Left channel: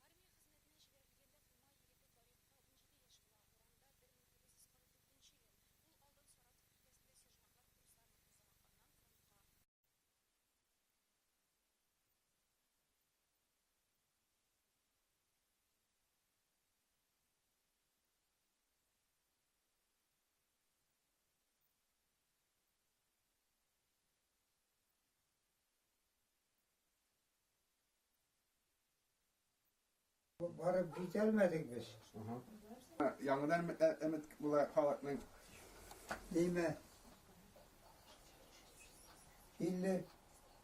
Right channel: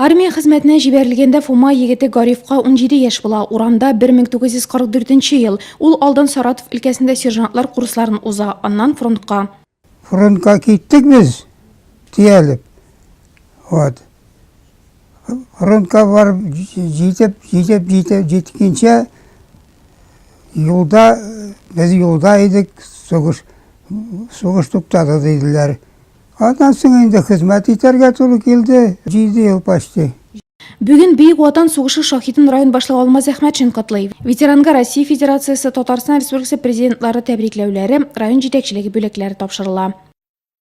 Армия хезмәтенә җибәрелгәндә Фома егете Гарифка 17 яшь була. Урамда 1944 ел. Ул алдан Саратов өлкәсендә сержантлар курсларын уза, аннан фронтка. Фронтка киттек без, тиялеп. Вот. Фронтка барып җиткәнчә юлда, без юлда идек, сугыш туктады диделәр. Аннан соң инде хезмәт итәргә туры килде, 7 ел почти. Бүген Бөек Ватан сугышы шаһитын район башлыгы Алмаз Әхмәтшин котлый. Ветеранга Россия Федерациясе, Татарстан Республикасы президентлары тәбрикләүләре, район җитәкчелеге бүләкләре тапшырыла.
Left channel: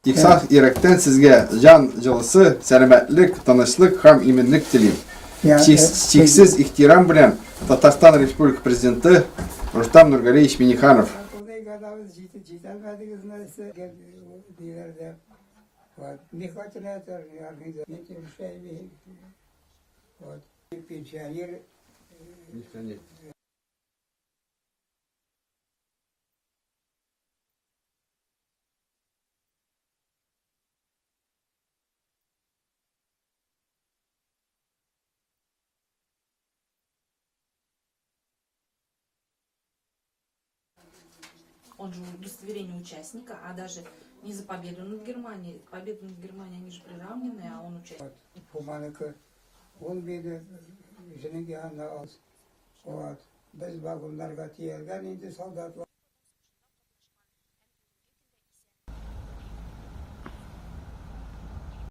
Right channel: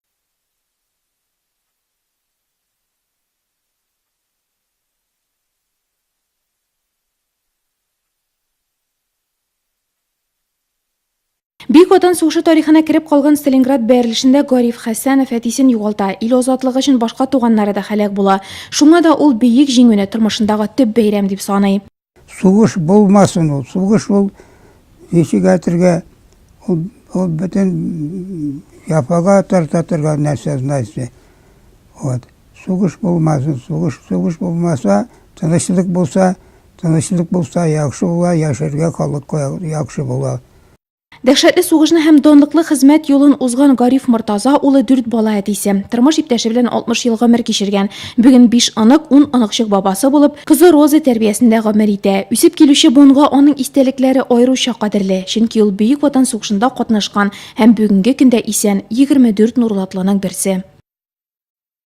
Тиксах йөрәктән сезгә җан җылысы, сәламәтлек, тынычлык һәм иминлек телим. Чиксез ихтирам белән Татарстан Республика президенты Рустам Нургалиевич Минниханов. Бөек Ватан сугышы тарихына кереп калган Сталинград бәрелешендә Гариф Хәсәнов әтисен югалта, ил азатлыгы өчен башка туганнары да һәлак була. Шуңа да ул бөек җиңүне тормышындагы төп бәйрәм дип саный. Сугыш булмасын ул. Сугыш ул ничек әйтергә, ул бөтен яфага тартырга нәрсә знайсы. Вот. Сугыш булмасын, сугыш булмаса, тынычлык булса, яхшы була, яшәргә халык яхшы була. Дәһшәтле сугышны һәм данлыклы хезмәт юлын узган Гариф Мортаза улы 4 бала әтисе. Тормыш иптәше белән 60 ел гомер кичергән. Бүген 5 анык, 10 аныкчык бабасы булып, кызы Роза тәрбиясендә гомер итә. Үсеп килүче буынга аның истәлекләре аеруча кадерле, чөнки ул Бөек Ватан сугышында катнашкан һәм бүгенге көндә исән 24 нурлатлының берсе.